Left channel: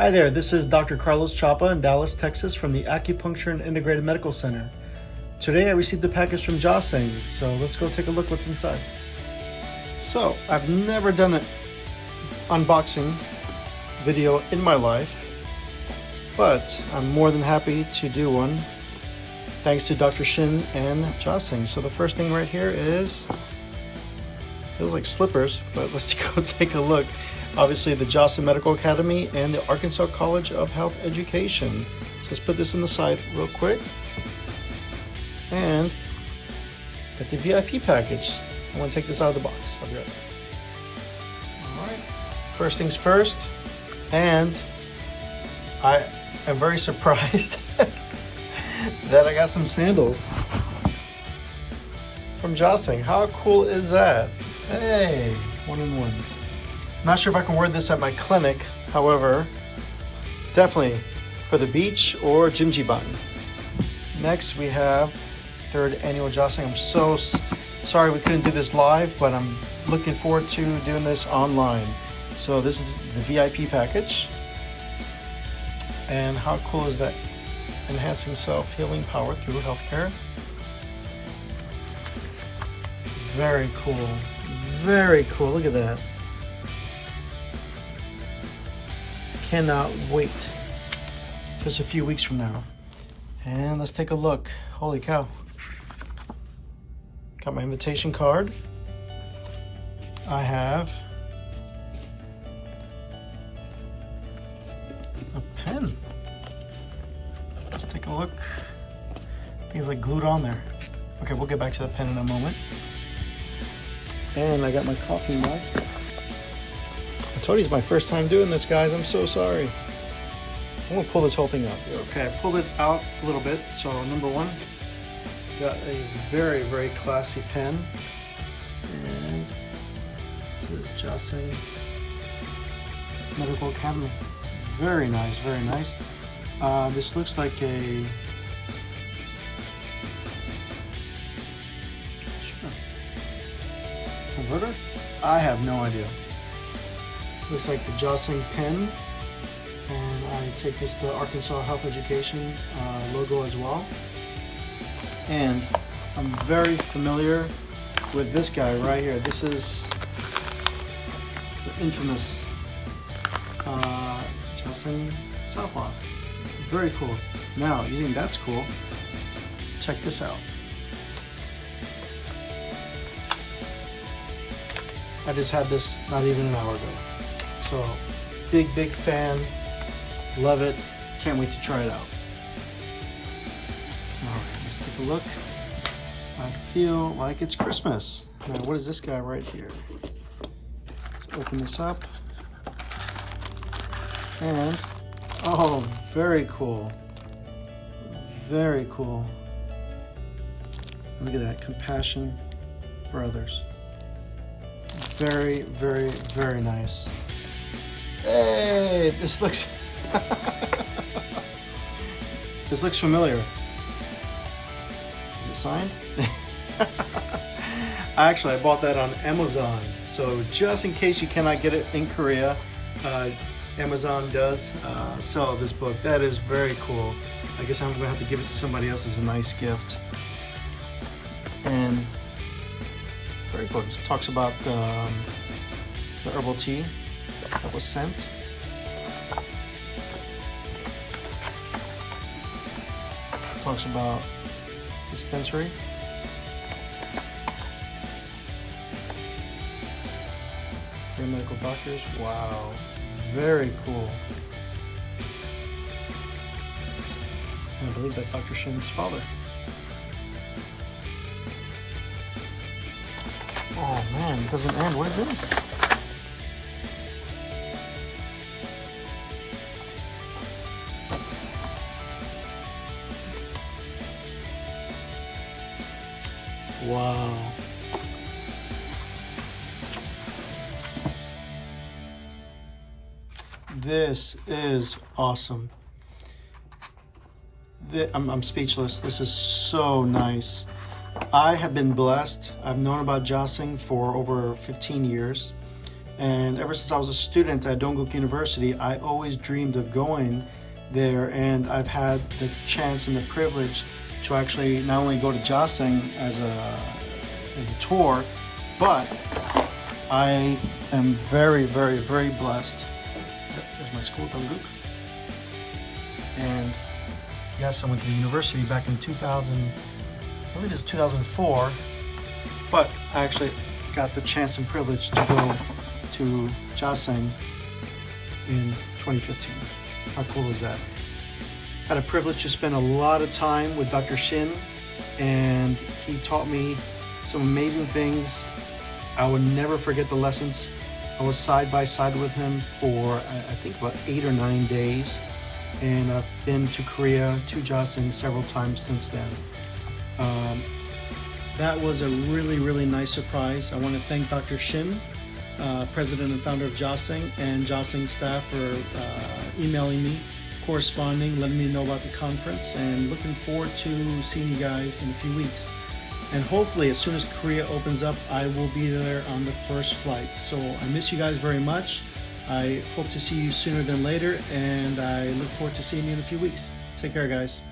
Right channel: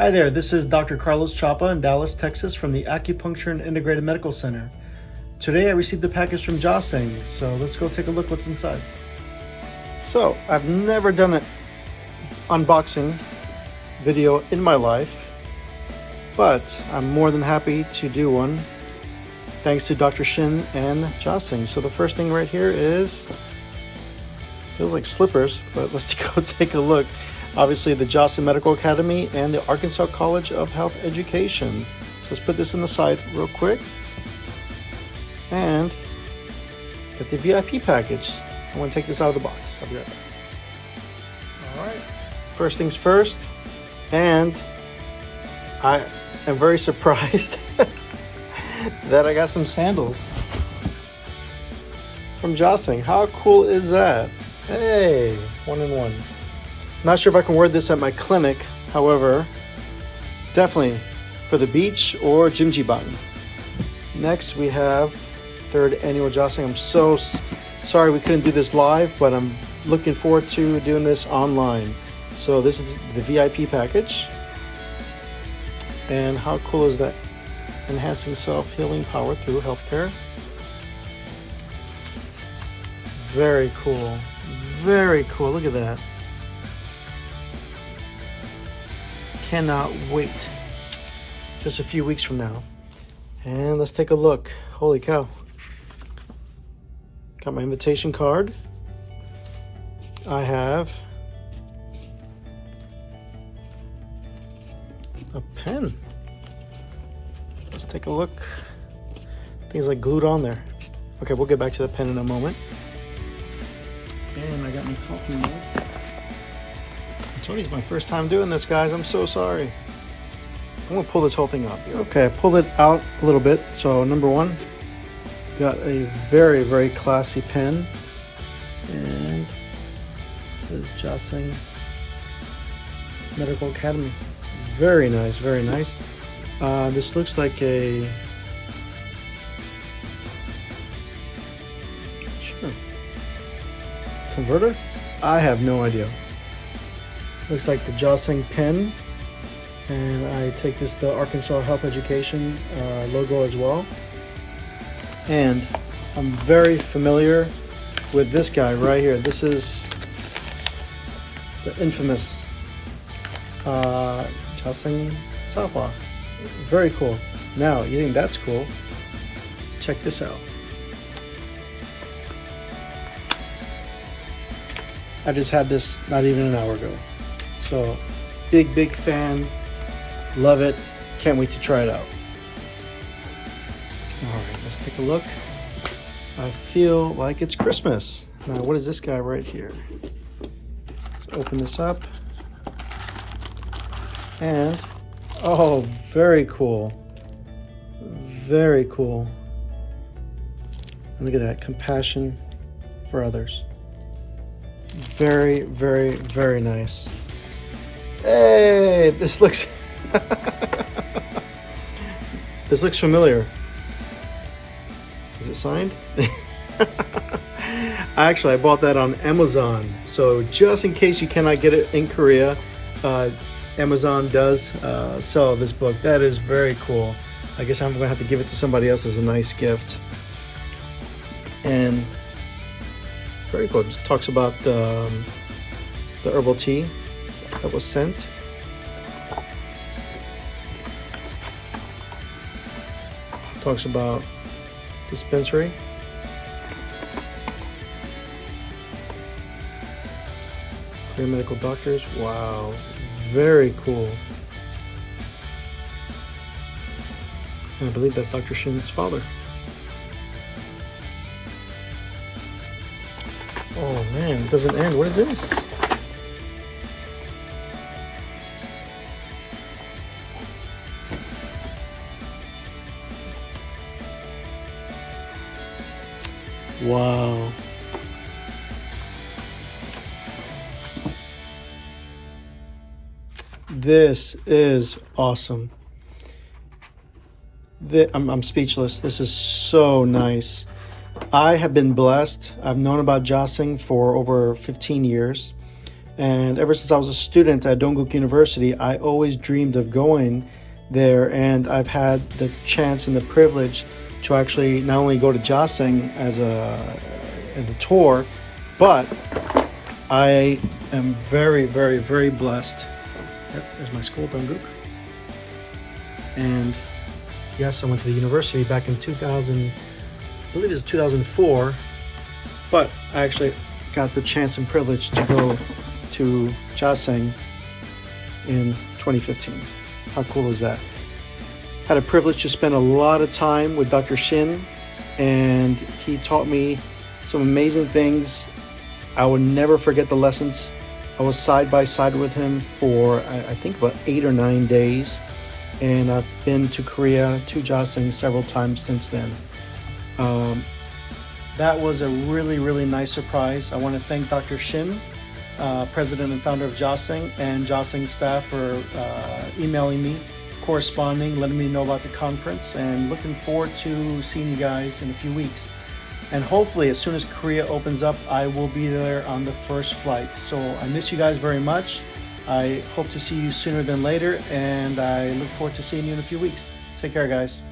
Hi there, this is Dr. Carlos Chapa in Dallas, Texas from the Acupuncture and Integrated Medical Center. Today I received a package from Jaseng, so let's go take a look what's inside. So, I've never done an unboxing video in my life, but I'm more than happy to do one thanks to Dr. Shin and Jaseng. So the first thing right here is, feels like slippers, but let's go take a look. Obviously the Jaseng Medical Academy and the Arkansas College of Health Education. So let's put this on the side real quick. And get the VIP package. I'm gonna take this out of the box. I'll be right back. All right, first things first, and I am very surprised that I got some sandals from Jaseng. How cool is that? Hey, 1-in-1. Not sure if I can wear this at my clinic, however, definitely for the beach or Jimjibang. Next we have 3rd annual Jaseng. I'm so sorry we couldn't do this live, but I'm looking forward to doing this online. So this is the VIP package. And how cool is that? Enhancing self-healing power through healthcare. Very cool. Very cool. Look at that. Cannot wait. Just a few weeks from now. And let's take a look. Holy cow. Got my invitation card. I have a pen. Let's take a look. Things like glued on there. Okay, we'll get back to the pen in a moment. And I got my coffee mug. I told you it's my first time doing this, guys. I'm so sorry. I'm gonna pull this whole thing out. Okay, I pulled it out a little bit. So number one, got a very, very classy pen. And this is Jaseng Medical Academy. Very nice, very nice. This looks like a converter? I have no idea. Looks like the Jaseng pen, and I take this the Arkansas Health Education logo as well. And I'm very familiar with this guy right here. This is the infamous Jaseng Chapa. Very cool. Now, you think that's cool? Check this out. I just had this not even an hour ago. So, big fan. Love it. Can't wait to try it out. All right, let's take a look. I feel like it's Christmas. Now, what is this guy right here? Open this up. And, oh, very cool. Very cool. Look at that, compassion for others. Very, very nice. Hey, this looks this looks familiar. Is it signed? Actually, I bought that on Amazon. So just in case you cannot get it in Korea, Amazon does sell this book. That is very cool. I guess I'm gonna have to give it to somebody else as a nice gift. And very cool. It talks about the herbal tea that was sent. Talks about dispensary. Korean medical doctors. Wow. Very cool. And I believe that's Dr. Shin's father. Oh man, it doesn't end. What is this? Wow. This is awesome. I'm speechless. This is so nice. I have been blessed. I've known about Jaseng for over 15 years. And ever since I was a student at Dongguk University, I always dreamed of going there, and I've had the chance and the privilege to actually not only go to Jaseng as a tour, but I am very, very, very blessed. There's my school, Dongguk. And yes, I went to the university back in 2000, I believe it was 2004, but I actually got the chance and privilege to go to Jaseng in 2015. How cool is that? Had a privilege to spend a lot of time with Dr. Shin, and he taught me some amazing things. I would never forget the lessons. I was side by side with him for I think about 8 or 9 days, and I've been to Korea, to Jaseng, several times since then. That was a really, really nice surprise. I want to thank Dr. Shin, president and founder of Jaseng, and Jaseng staff for emailing me, corresponding, letting me know about the conference, and looking forward to seeing you guys in a few weeks. And hopefully, as soon as Korea opens up, I will be there on the first flight. So I miss you guys very much. I hope to see you sooner than later, and I look forward to seeing you in a few weeks. Take care, guys.